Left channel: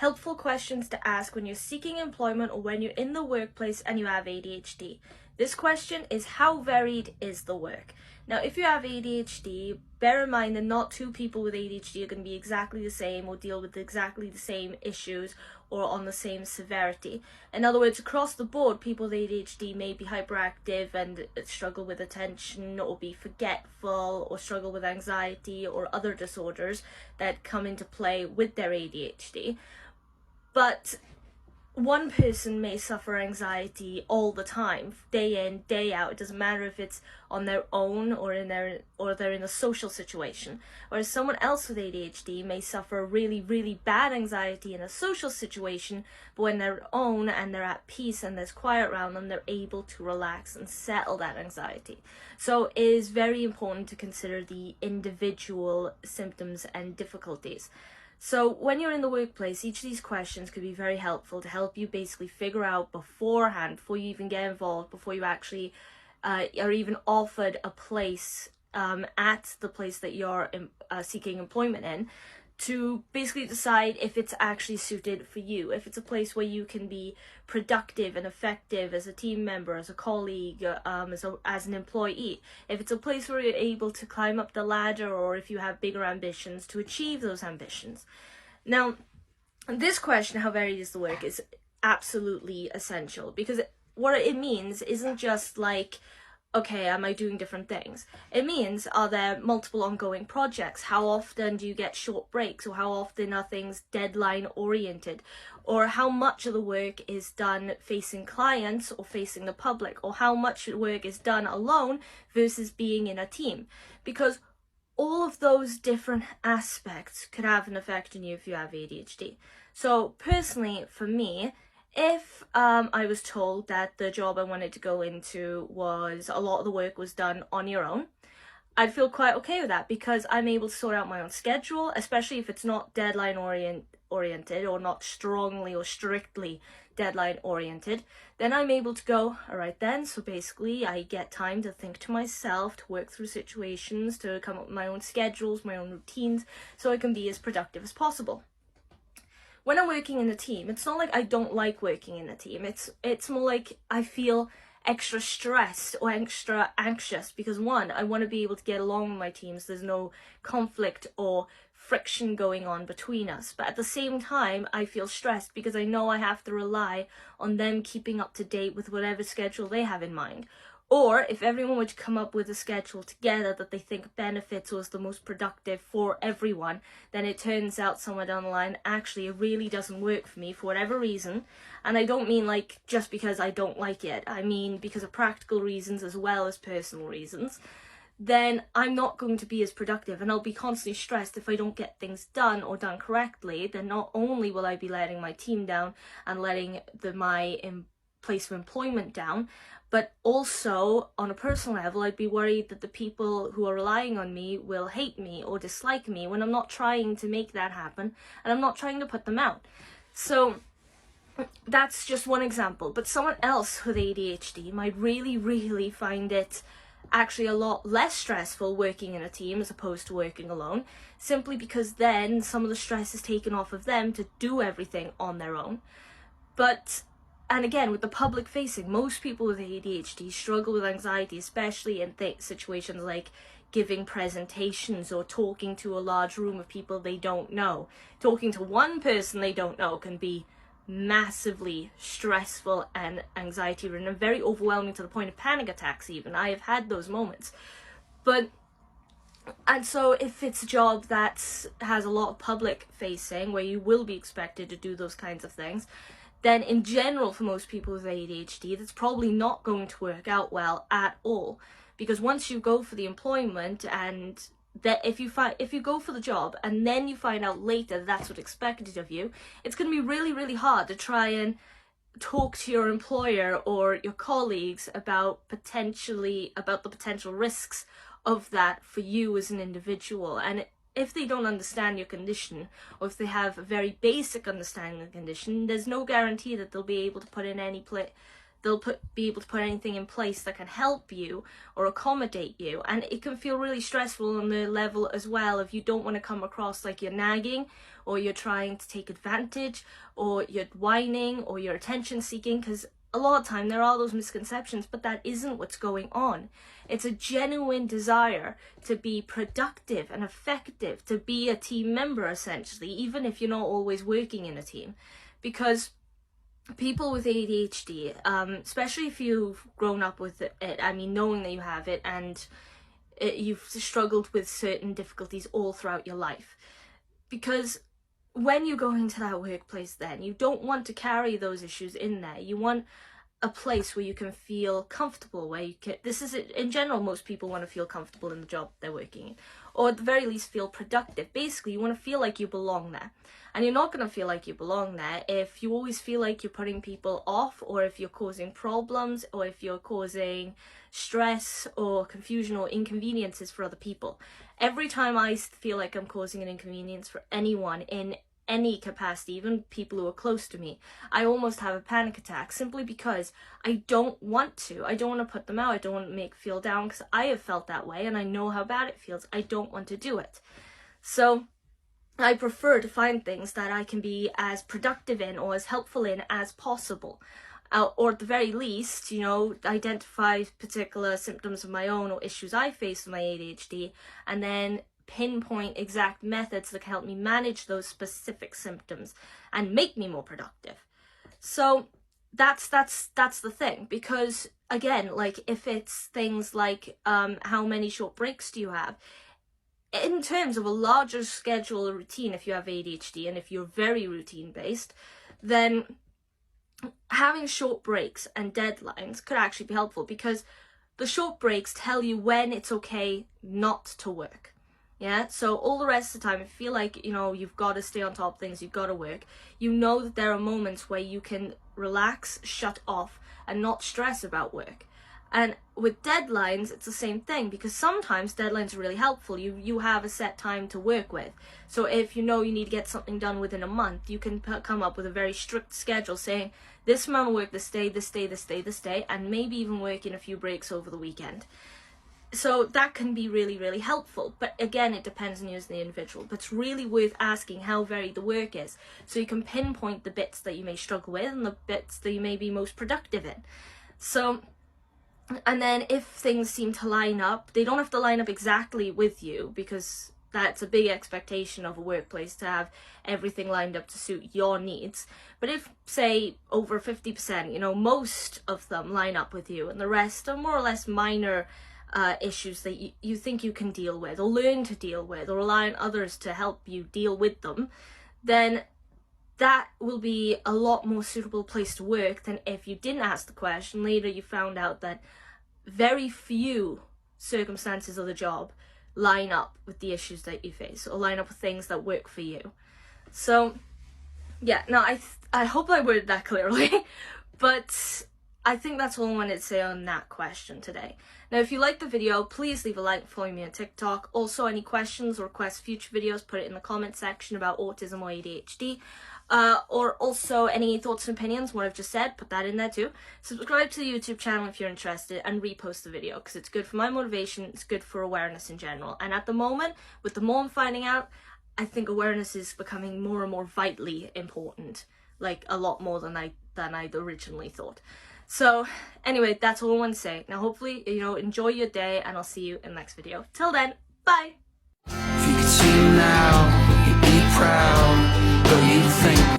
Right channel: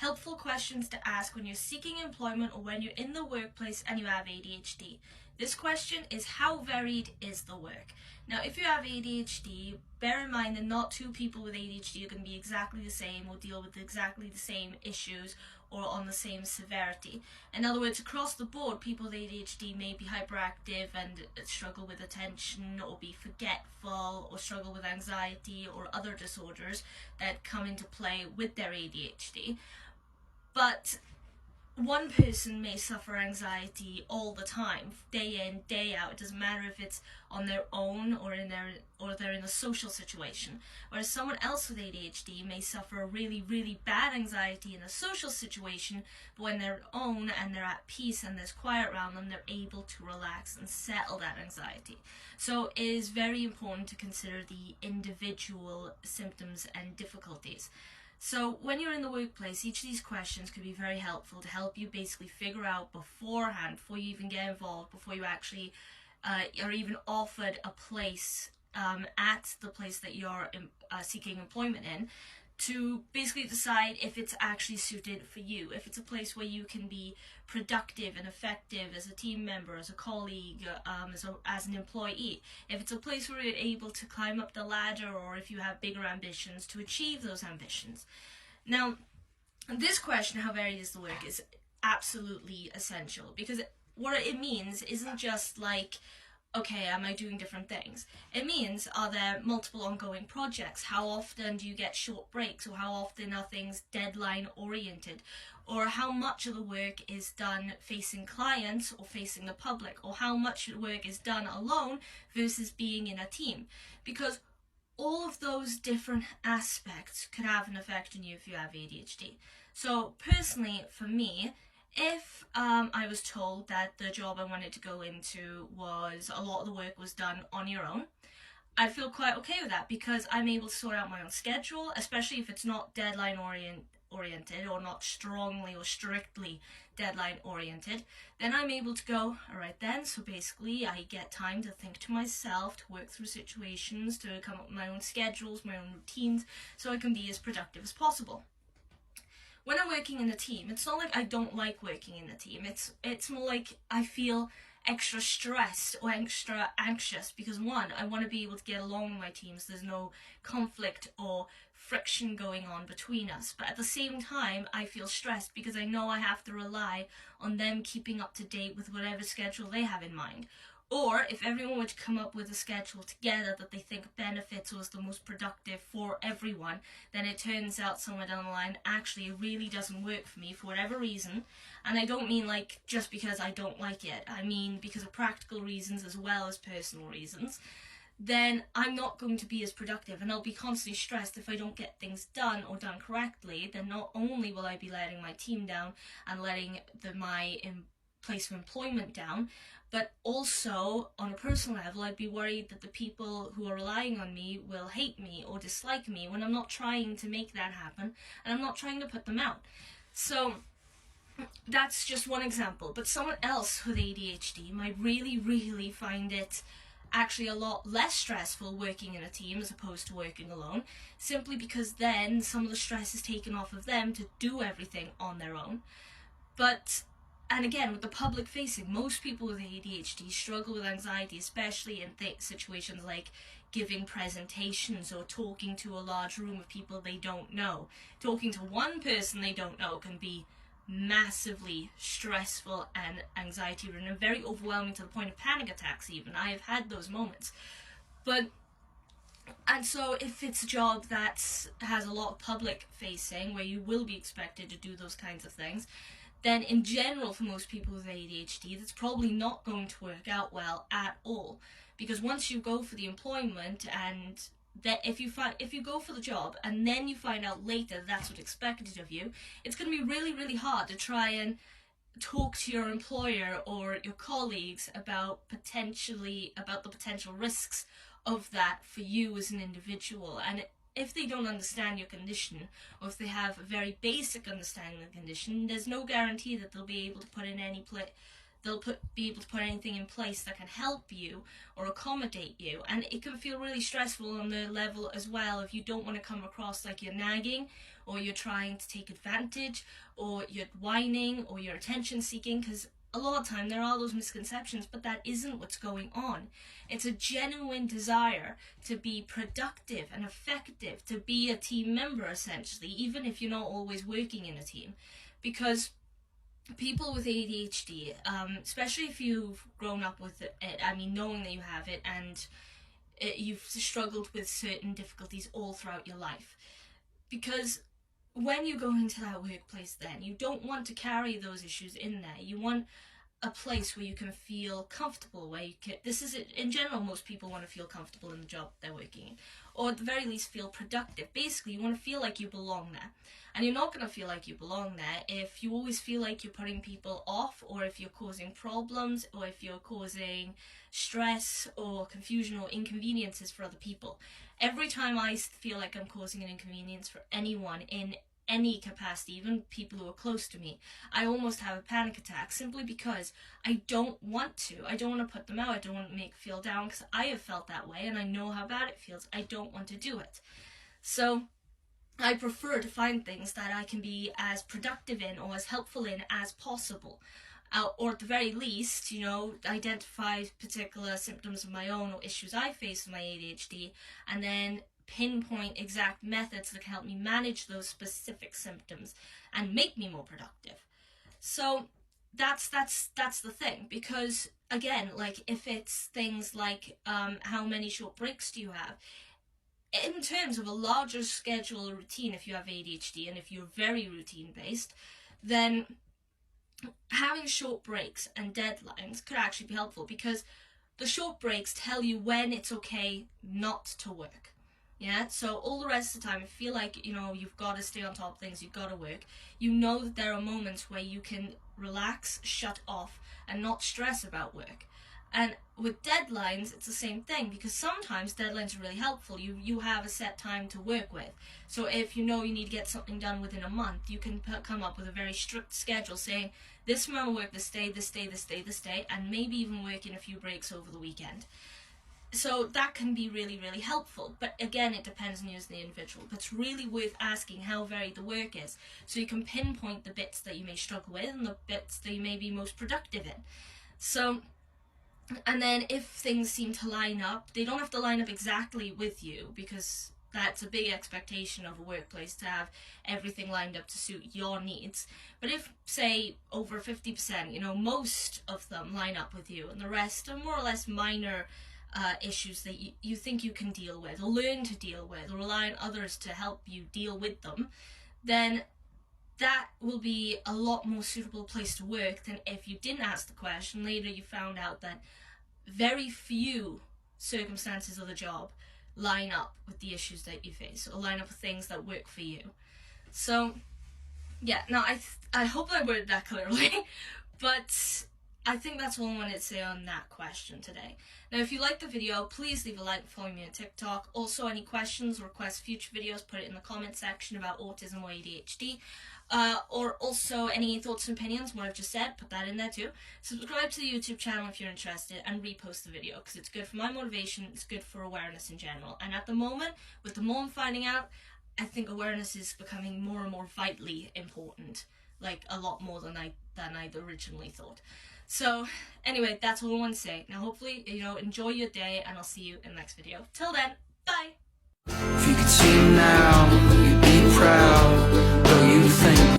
Helpful questions to ask when you're seeking employment or when you're in the workplace and you have ADHD. This question is, how varied is the work? Now, if you have ADHD, bear in mind that not two people with ADHD are going to be exactly the same or deal with exactly the same issues or on the same severity. In other words, across the board, people with ADHD may be hyperactive and struggle with attention or be forgetful or struggle with anxiety or other disorders that come into play with their ADHD. But one person may suffer anxiety all the time, day in, day out. It doesn't matter if it's on their own or they're in a social situation. Whereas someone else with ADHD may suffer really, really bad anxiety in a social situation, but when they're own and they're at peace and there's quiet around them, they're able to relax and settle that anxiety. So it is very important to consider the individual symptoms and difficulties. So when you're in the workplace, each of these questions could be very helpful to help you basically figure out beforehand, before you even get involved, before you actually are even offered a place at the place that you're seeking employment in, to basically decide if it's actually suited for you, if it's a place where you can be productive and effective as a team member, as a colleague, as an employee, if it's a place where you're able to climb up the ladder, or if you have bigger ambitions to achieve those ambitions. Now, this question, how varied is the work, is absolutely essential, because what it means isn't just like, okay, am I doing different things? It means, are there multiple ongoing projects? How often do you get short breaks? Or how often are things deadline oriented? Or how much of the work is done facing clients or facing the public? Or how much work is done alone versus being in a team? Because all of those different aspects could have an effect on you if you have ADHD. So personally, for me, if I was told that the job I wanted to go into was, a lot of the work was done on your own, I'd feel quite okay with that, because I'm able to sort out my own schedule, especially if it's not deadline oriented or not strongly or strictly deadline oriented. Then I'm able to go, all right then, so basically I get time to think to myself, to work through situations, to come up with my own schedules, my own routines, so I can be as productive as possible. When I'm working in a team, it's not like I don't like working in a team. It's more like I feel extra stressed or extra anxious because, one, I want to be able to get along with my teams. There's no conflict or friction going on between us. But at the same time, I feel stressed because I know I have to rely on them keeping up to date with whatever schedule they have in mind. Or if everyone were to come up with a schedule together that they think benefits or is the most productive for everyone, then it turns out somewhere down the line, actually, it really doesn't work for me for whatever reason. And I don't mean like just because I don't like it. I mean because of practical reasons as well as personal reasons. Then I'm not going to be as productive, and I'll be constantly stressed if I don't get things done or done correctly. Then not only will I be letting my team down and letting my place of employment down, but also on a personal level, I'd be worried that the people who are relying on me will hate me or dislike me when I'm not trying to make that happen and I'm not trying to put them out. So that's just one example, but someone else with ADHD might really, really find it actually a lot less stressful working in a team as opposed to working alone, simply because then some of the stress is taken off of them to do everything on their own. And again, with the public facing, most people with ADHD struggle with anxiety, especially in situations like giving presentations or talking to a large room of people they don't know. Talking to one person they don't know can be massively stressful and anxiety-ridden and very overwhelming to the point of panic attacks even. I have had those moments. And so if it's a job that has a lot of public facing, where you will be expected to do those kinds of things, then in general for most people with ADHD, that's probably not going to work out well at all. Because once you go for the employment, and that if you go for the job and then you find out later that's what's expected of you, it's going to be really, really hard to try and talk to your employer or your colleagues about the potential risks of that for you as an individual. And if they don't understand your condition, or if they have a very basic understanding of the condition, there's no guarantee that they'll be able to put in any they'll be able to put anything in place that can help you or accommodate you. And it can feel really stressful on the level as well if you don't want to come across like you're nagging, or you're trying to take advantage, or you're whining, or you're attention seeking, because a lot of time there are those misconceptions, but that isn't what's going on. It's a genuine desire to be productive and effective, to be a team member essentially, even if you're not always working in a team. Because people with ADHD, especially if you've grown up with it, I mean, knowing that you have it, and you've struggled with certain difficulties all throughout your life. Because when you go into that workplace, then you don't want to carry those issues in there. You want a place where you can feel comfortable, where you can, this is in general, most people want to feel comfortable in the job they're working in, or at the very least feel productive. Basically, you want to feel like you belong there. And you're not going to feel like you belong there if you always feel like you're putting people off, or if you're causing problems, or if you're causing stress or confusion or inconveniences for other people. Every time I feel like I'm causing an inconvenience for anyone in any capacity, even people who are close to me, I almost have a panic attack, simply because I don't want to. I don't want to put them out. I don't want to make feel down, because I have felt that way and I know how bad it feels. I don't want to do it. So I prefer to find things that I can be as productive in or as helpful in as possible. Or at the very least, you know, identify particular symptoms of my own or issues I face with my ADHD, and then pinpoint exact methods that can help me manage those specific symptoms and make me more productive. So that's the thing, because again, like if it's things like how many short breaks do you have, in terms of a larger schedule or routine, if you have ADHD and if you're very routine based, then having short breaks and deadlines could actually be helpful, because the short breaks tell you when it's okay not to work. Yeah, so all the rest of the time, if you feel like, you know, you've got to stay on top of things, you've got to work, you know that there are moments where you can relax, shut off, and not stress about work. And with deadlines, it's the same thing, because sometimes deadlines are really helpful. You have a set time to work with. So if you know you need to get something done within a month, you can come up with a very strict schedule saying, this amount of work this day, this day, this day, this day, and maybe even work in a few breaks over the weekend. So that can be really, really helpful. But again, it depends on you as the individual. But it's really worth asking how varied the work is, so you can pinpoint the bits that you may struggle with and the bits that you may be most productive in. So, and then if things seem to line up, they don't have to line up exactly with you, because that's a big expectation of a workplace, to have everything lined up to suit your needs. But if, say, over 50%, you know, most of them line up with you, and the rest are more or less minor issues that you think you can deal with, or learn to deal with, or rely on others to help you deal with them, then that will be a lot more suitable place to work than if you didn't ask the question. Later you found out that very few circumstances of the job line up with the issues that you face, or line up with things that work for you. So yeah, now I hope I worded that clearly, but I think that's all I wanted to say on that question today. Now, if you liked the video, please leave a like, follow me on TikTok. Also, any questions or request future videos, put it in the comment section about autism or ADHD. Or also any thoughts and opinions, what I've just said, put that in there too. Subscribe to the YouTube channel if you're interested, and repost the video, because it's good for my motivation, it's good for awareness in general. And at the moment, with the more I'm finding out, I think awareness is becoming more and more vitally important, like a lot more than I'd originally thought. So anyway, that's all I want to say. Now hopefully, you know, enjoy your day, and I'll see you in the next video. Till then, bye! If you could see him now, you'd be proud, though you think